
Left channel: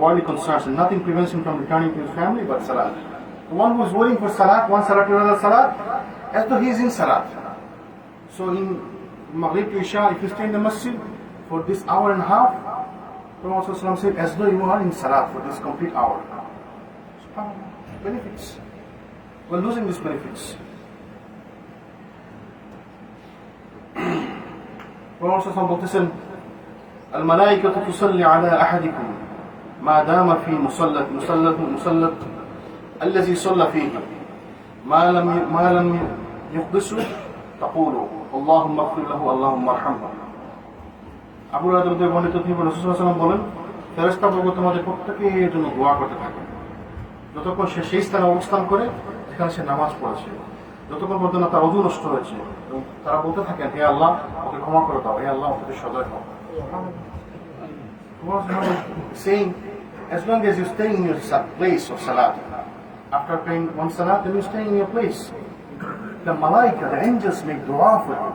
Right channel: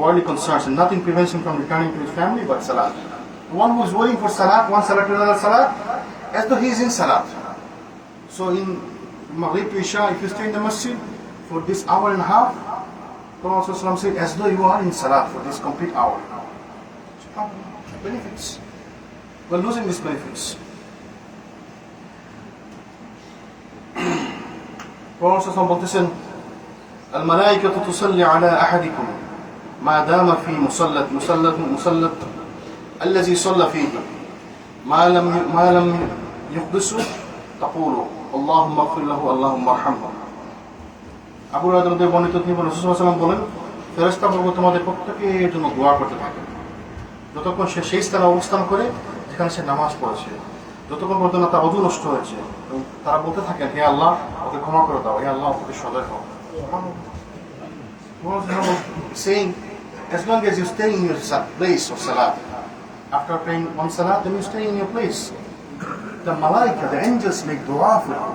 worldly concerns, and nothing prevents him from returning to his family but salat. The one who is waiting for salat, one salat to another salat, as though he is in salat. So in Maghrib to Isha, if you stay in the masjid for this hour and a half, Prophet ﷺ said, as though you are in salat for this complete hour. Benefits. We're losing these benefits. Prophet ﷺ বলতেছেন, الملائكة تصلي على أحدكم ما دام في مصلى الذي صلى فيه ما لم يحدثه تقول اللهم اغفر له اللهم ارحمه. আবু হুরায়রা বর্ণিত তিনি রাসূল সাল্লাল্লাহু আলাইহি ওয়াসাল্লাম বলেন, ফেরেশতাগণ তোমাদের প্রত্যেকের জন্য দোয়া করতে থাকে যতক্ষণ সে সেই স্থানে অবস্থান করে যেখানে সে নামাজ পড়েছে, যতক্ষণ পর্যন্ত তার ওযু নষ্ট হয়েছে, তারা বলতে থাকেন, হে আল্লাহ ওকে ক্ষমা করে দাও, হে আল্লাহ ওকে সদয় হও। Saying, as long as you stay in your place of salat, after praying one salat, then you stay in your place. The malaika, the angels make dua for you.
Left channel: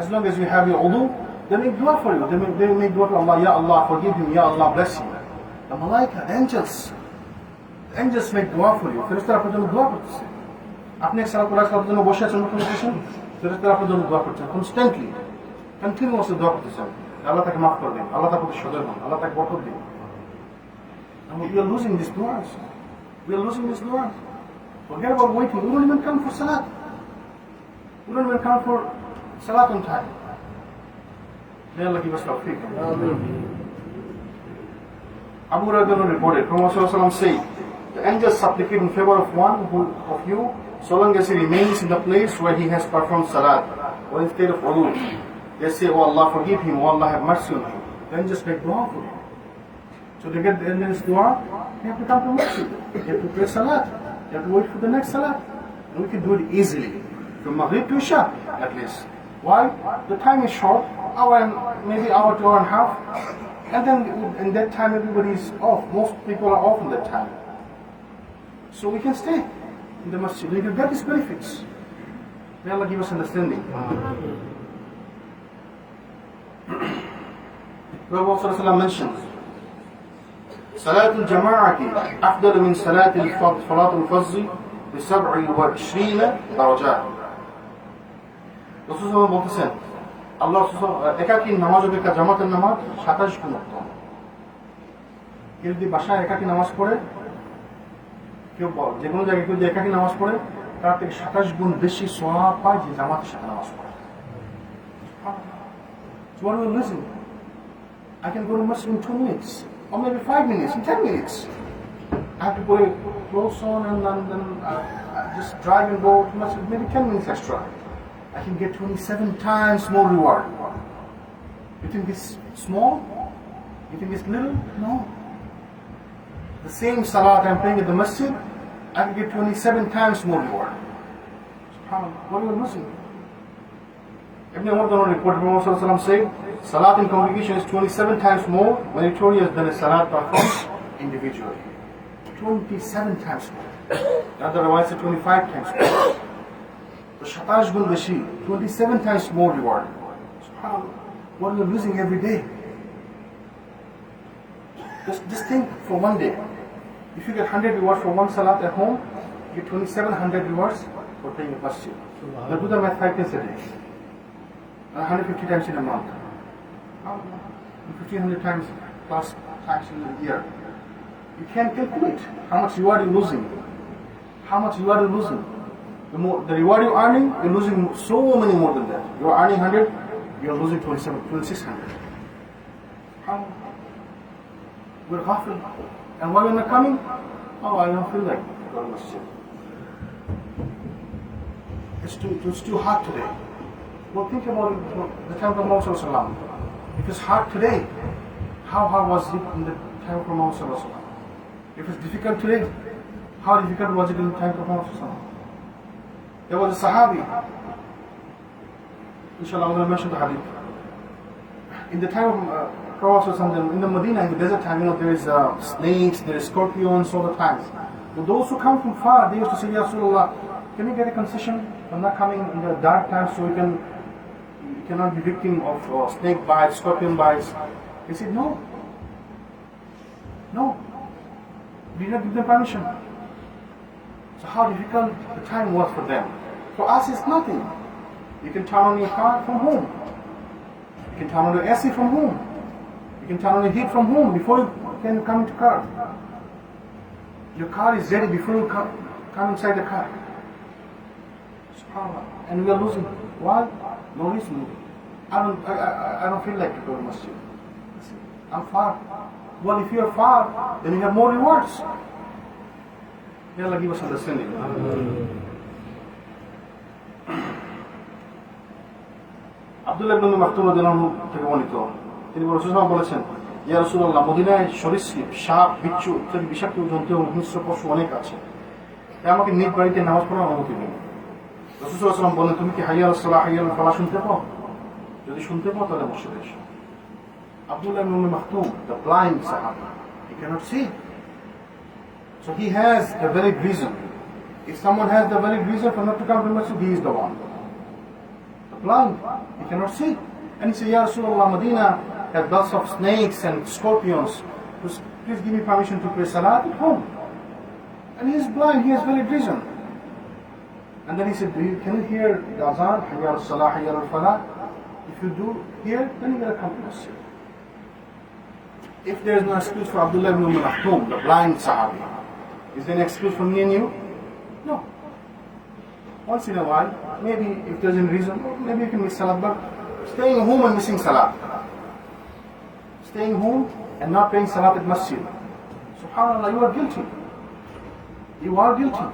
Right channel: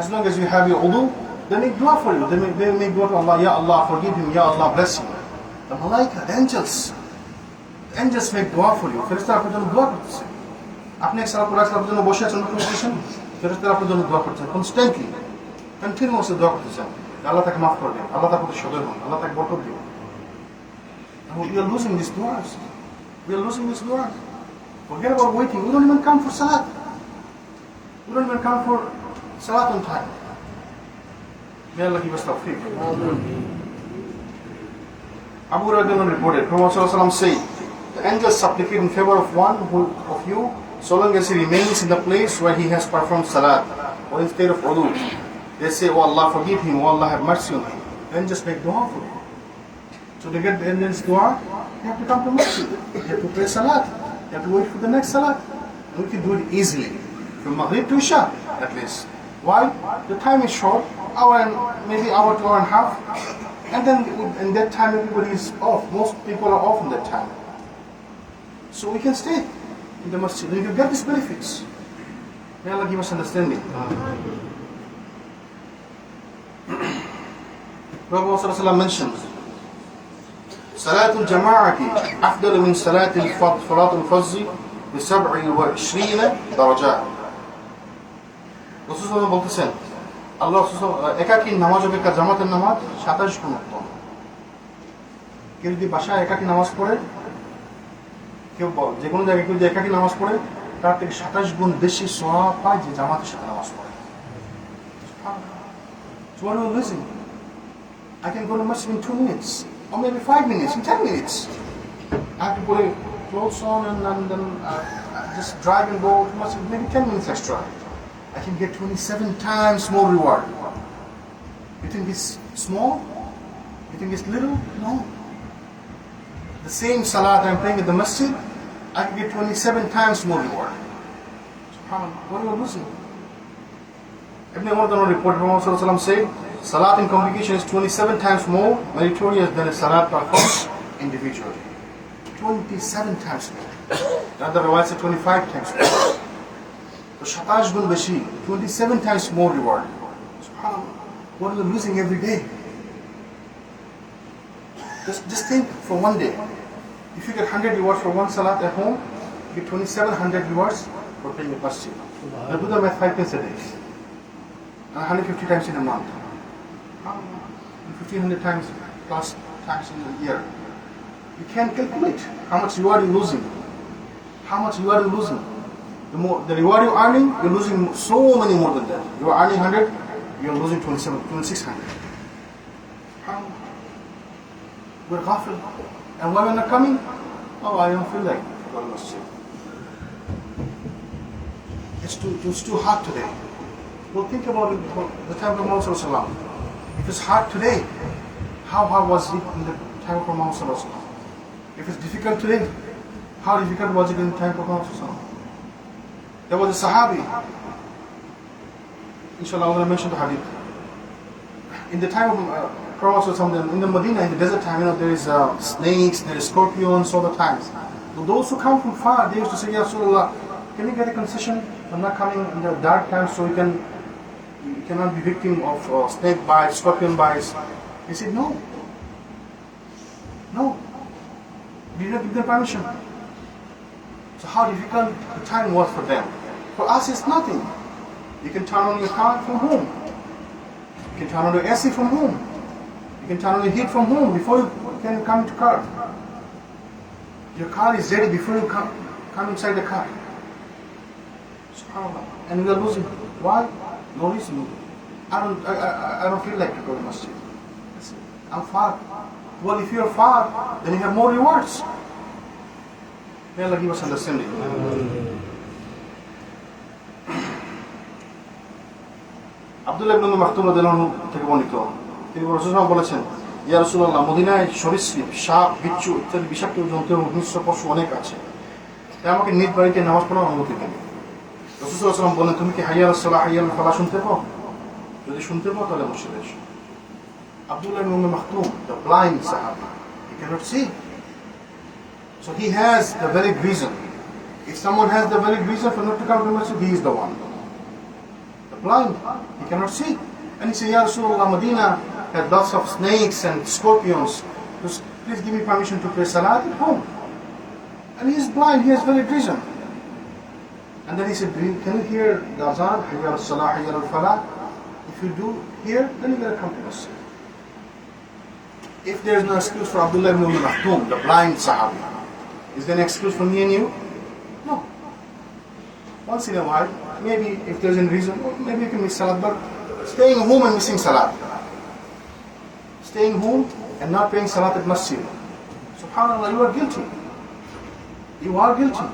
As long as you have your wudu, they make dua for you. They make dua for Allah, Ya Allah, forgive him, Ya Allah, bless him. The malaika, the angels make dua for you. ফেরেশতারা আপনার জন্য দোয়া করতেছে। আপনি এক সালাত পড়ার জন্য বসে আছেন, ফেরেশতারা আপনার জন্য দোয়া করছেন, কনস্ট্যান্টলি, কন্টিনিউয়াসলি দোয়া করতেছেন। আল্লাহ তাকে মাফ করে দিন, আল্লাহ তার প্রতি সদয় হন, আল্লাহ তাকে বরকত দিন। And we are losing these duas. We are losing these duas. Forget about waiting. We don't even come for salat. We don't even come for salat on time. May Allah give us tawfiq. Abu Hurairah reported, Prophet ﷺ said, the angels supplicate in favor of one of you, so long as he remains in the place where he has performed salat, or instead of wudu. They say, oh Allah, forgive him, oh Allah, have mercy on him. Then just make dua for him. So to get the angels dua, you have to come to masjid. You have to pray salat. You have to wait for the next salat. And we can do it easily. From Maghrib to Isha, at least. Why? The time is short, maybe hour to hour and a half. And then in that time everybody is off. Most people are off in that time. So we can stay in the masjid. We can get these benefits. May Allah give us understanding. Prophet ﷺ mentions, صلاة الجماعة أفضل من صلاة الفرض ب27 درجات. রাসূল সাল্লাল্লাহু বলতেছেন, আল্লাহ একাকী নামাজ অপেক্ষা জামাতের নামাজ 27 গুণ উত্তম। কেউ যদি বাসায় একাকী নামাজ পড়ে, কেউ যে কোনো জায়গায় কেউ যদি একাকী নামাজ পড়ে, তার থেকে 27 গুণ বেশি সওয়াব পায় যে জামাতের সাথে নামাজ পড়ে। So what are we losing? I can go to masjid in 2 minutes, or maybe 5 minutes, in 10 minutes. I have to put clothes on and then just drive and go to masjid, maybe 10 minutes extra. I can get 27 times more reward. You think it's small? You think it's little? No. The same salat I'm praying at the masjid, I can get 27 times more reward. What are we losing? Ibn Umar report from Prophet said, salat in congregation is 27 times more meritorious than a salat performed individually. 27 times more. Another riwayat said 25 times more. So 27 গুণ বেশি, 27 times more reward. What are we losing every day? Just think for one day. If you get 100 rewards for one salat at home, you get 2700 rewards for praying the masjid. Now do the math 5 times a day. And 150 times in a month. 1500 times plus times in a year. You can't calculate how much reward you're losing. How much reward you're losing. The reward you're earning, you're losing so many more than that. You're earning 100, you're losing 2600. We're ghafil. And why we're not coming? Oh, I don't feel like going to masjid. It's too hot today. Well, think about it, the time of Muhammad Sallallahu. If it's hot today, how hard was it in the time of Muhammad Sallallahu? If it's difficult today, how difficult was it in the time of Muhammad Sallallahu? There was a Sahabi. Inshallah, I'm going to mention the hadith. In the time of Prophet Sallallahu, in the Medina, in the desert time, there is snakes, there is scorpions all the times. But those who come from far, they used to say, Ya Rasulullah, can you get a concession? I'm not coming in the dark time so you cannot be victim of snake bites, scorpion bites. He said, no. No. We did not give them permission. So how difficult the time was for them. For us, it's nothing. You can turn on your car from home. You can turn on the AC from home. You can turn on the heat from home before you can come to car. Your car is ready before you come inside the car. And we are losing. Why? No reason. I don't feel like going to masjid. I'm far. Well, if you're far, then you have more rewards. May Allah give us understanding. Abdullah ibn Maktum radhiyallahu থেকে বর্ণিত তিনি রাসূলুল্লাহ বলেছেন ইয়া রাসূলুল্লাহ মদিনায় সরীসৃপ সাপ বিচ্ছু ইত্যাদি বিষাক্ত জন্তু এবং হিংস্র পশু অনেক আছে তাই আমাকে নিজ বাড়িতে নামাজ পড়ার অনুমতি দিন রাসূল সাল্লাল্লাহু আলাইহি ওয়াসাল্লাম বলেন তুমি কি হাইয়া আলাস সালাহ হাইয়া আল ফালাহ শুনতে পাও যদি শুনতে পাও তাহলে মসজিদে এসো Abdullah ibn Maktum, the blind Sahaba, he cannot see. So he has the valid reason. If someone has the valid reason for not to come to masjid, he is the one. The blind, he cannot see. And he said, Ya Rasulullah, Medina has lots of snakes and scorpions. Please give me permission to pray salat at home. And he is blind, he has valid reason. And then he said, can you hear the azan, Hayya al-salah, Hayya al-falah? If you do hear, then you gotta come to masjid. If there is no excuse for Abdullah ibn Maktum, the blind Sahabi, is there an excuse for me and you? No. Once in a while, maybe if there's a reason, maybe you can miss Salat, but staying home and missing Salat. Staying home and not paying Salat at Masjid. SubhanAllah, you are guilty. You are guilty.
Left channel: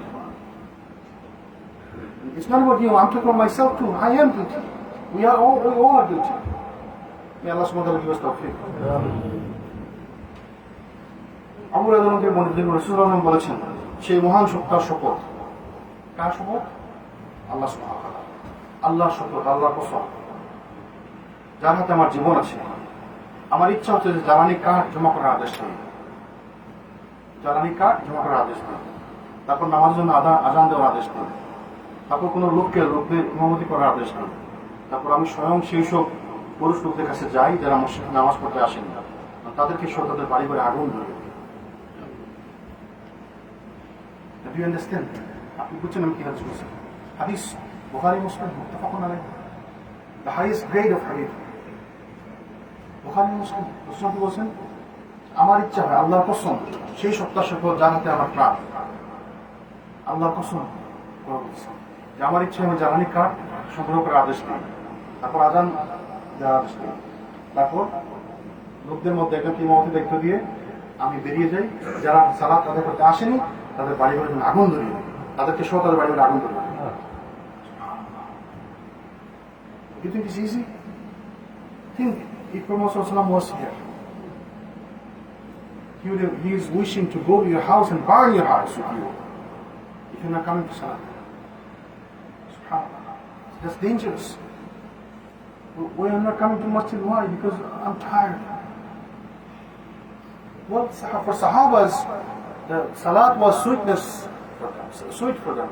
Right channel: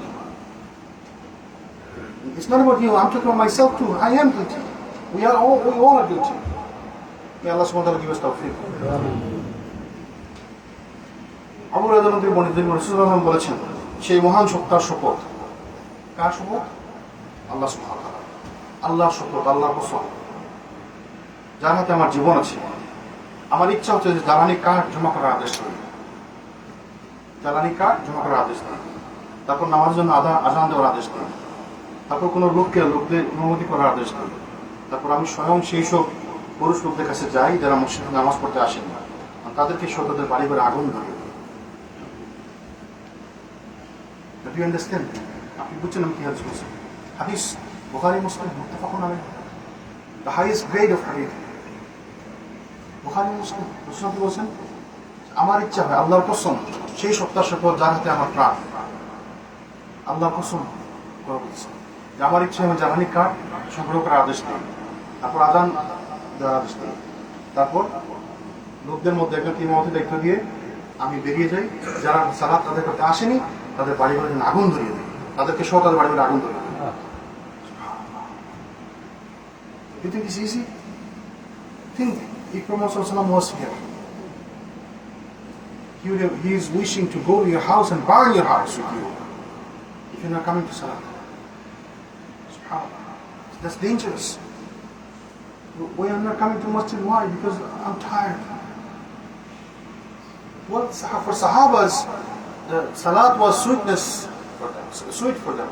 It's not about you, I'm talking about myself too. I am guilty. We all are guilty. May Allah subhanahu wa ta'ala give us tawfiq. Abu Hurairah থেকে বর্ণিত রাসূলুল্লাহ বলেছেন সেই মহান সত্তার শপথ কার শপথ আল্লাহ সুবহানাহু ওয়া তাআলা আল্লাহর শপথ আল্লাহর কসম যার হাতে আমার জীবন আছে আমার ইচ্ছা হচ্ছে যে জ্বালানি কাঠ জমা করার আদেশ দিই জ্বালানি কাঠ জমা করার আদেশ দিই তারপর নামাজের জন্য আযান দেওয়ার আদেশ দিই তারপর কোনো লোকদের অনুমতি করার আদেশ দিই তারপর আমি স্বয়ং সেই সব পুরুষ লোকদের কাছে যাই যারা আমার সাথে নামাজ পড়তে আসেন তাদেরকে তাদের বাড়ি ঘরে আগুন ধরিয়ে Do you understand? আপনি বুঝছেন আমি কি বলছি হাদিস বুখারী মুসলিম মুত্তাফাকুন আলাইহি the highest grade of hadith Bukhari মুসলিম রাসূল বলেছেন আমার ইচ্ছা হয় আল্লাহর কসম সেই সত্তার সাথে যার হাতে আমার প্রাণ আল্লাহর কসম বলছি যে আমার ইচ্ছা হয় জ্বালানি কাঠ সংগ্রহ করার আদেশ দিই তারপর আযান দেওয়ার আদেশ দিই তারপর লোকদের মধ্যে একটা ইমামতি দায়িত্ব দিয়ে আমি বেরিয়ে যাই যারা সালাত আদায় করতে আসেনি তাদের বাড়ি ঘরে আগুন ধরিয়ে দেয় তাদেরকে সহ তাদের বাড়ি ঘরে আগুন ধরিয়ে দেয় You think it's easy? Think if Prophet was here. He is wishing to go to your house and burn your house with you if you're not coming to Salat. SubhanAllah. That's dangerous. Why am I not coming to masjid? Why? Because I'm tired. Well, for Sahabas, the Salat was sweet for them.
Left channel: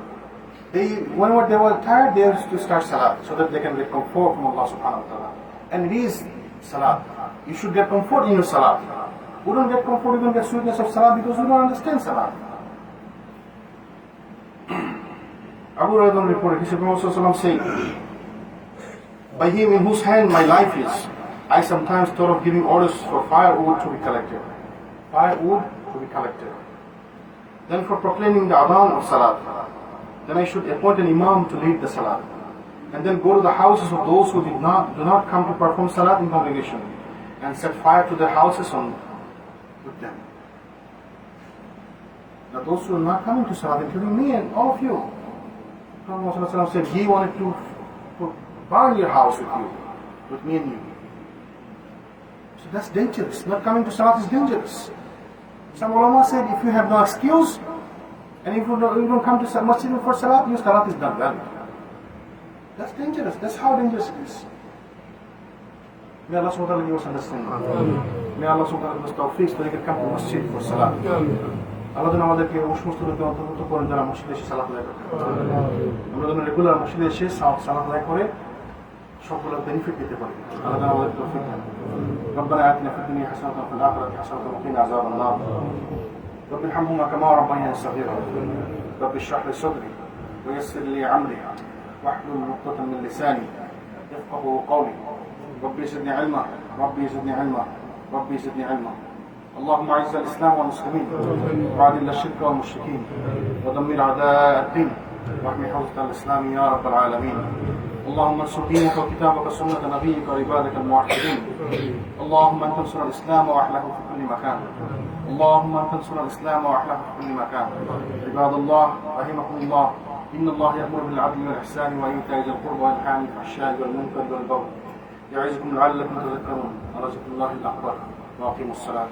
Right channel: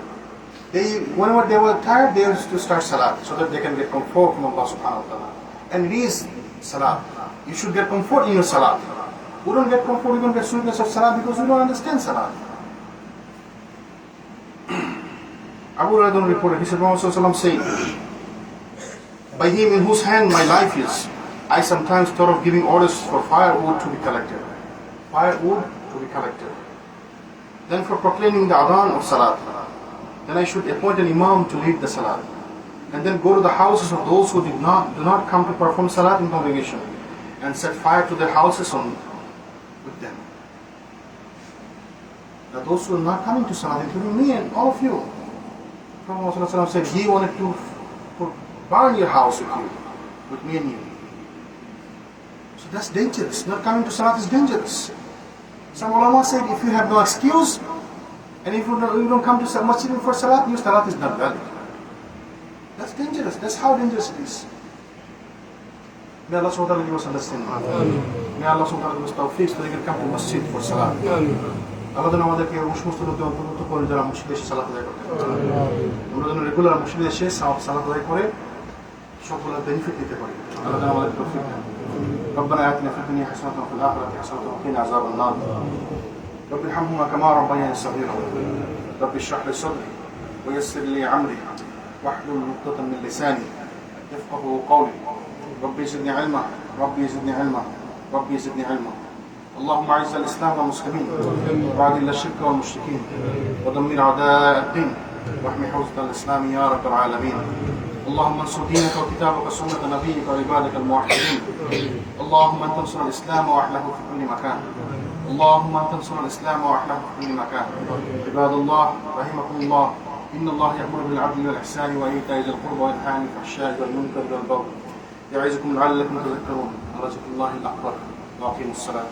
Whenever they were tired, they used to start Salat so that they can get comfort from Allah subhanahu wa ta'ala. And it is Salat. You should get comfort in your Salat. We don't get comfort, we don't get sweetness of Salat because we don't understand Salat. Abu Hurairah reported, he said, Muhammad said, by him in whose hand my life is, I sometimes thought of giving orders for firewood to be collected. Firewood to be collected. Then for proclaiming the adhan of salat, then I should appoint an imam to lead the salat. And then go to the houses of those who do not come to perform salat in congregation and set fire to their houses with them. Now those who are not coming to salat, including me and all of you, Prophet ﷺ said he wanted to burn your house with me and you. So that's dangerous. Not coming to salat is dangerous. Some ulama said if you have no excuse and if you don't come to masjid for salat, your salat is not valid. That's dangerous. That's how dangerous it is. May Allah subhanahu wa ta'ala give us understanding. May Allah subhanahu wa ta'ala give us tawfiq so they can come to masjid for salat. Allah যেন আমাদেরকে সমস্ত লোকদের অন্তর্ভুক্ত করে যারা মসজিদে এসে সালাত আদায় করতে পারে। আমরা যেন রেগুলার মসজিদে এসে সালাত আদায় করে সবগুলো বেনিফিট নিতে পারি। আল্লাহ যেন আমাদের তৌফিক দেন। ربنا آتنا في الدنيا حسنة وفي الآخرة حسنة وقنا عذاب النار. رب ارحمهما كما ربياني صغيرا. رب اشرح لي صدري ويسر لي أمري واحلل عقدة من لساني يفقهوا قولي. ربي زدني علما ربي زدني علما ربي زدني علما. اللهم اعز الاسلام والمسلمين واذل الشرك والمشركين ودمر اعداء الدين واحمي حوزه الاسلام يا رب العالمين. اللهم انصر دينك وكتابك وسنه نبيك وعبادك الموحدين. اللهم انت انصر الاسلام واحله في كل مكان. اللهم انت انصر الاسلام واحله في كل مكان. عباد الله رحمكم الله ان الله يامر بالعدل والاحسان وايتاء ذي القربى وينهى عن الفحشاء والمنكر والبغي يعظكم لعلكم تذكرون. ورزق الله الاكبر واقيموا الصلاه.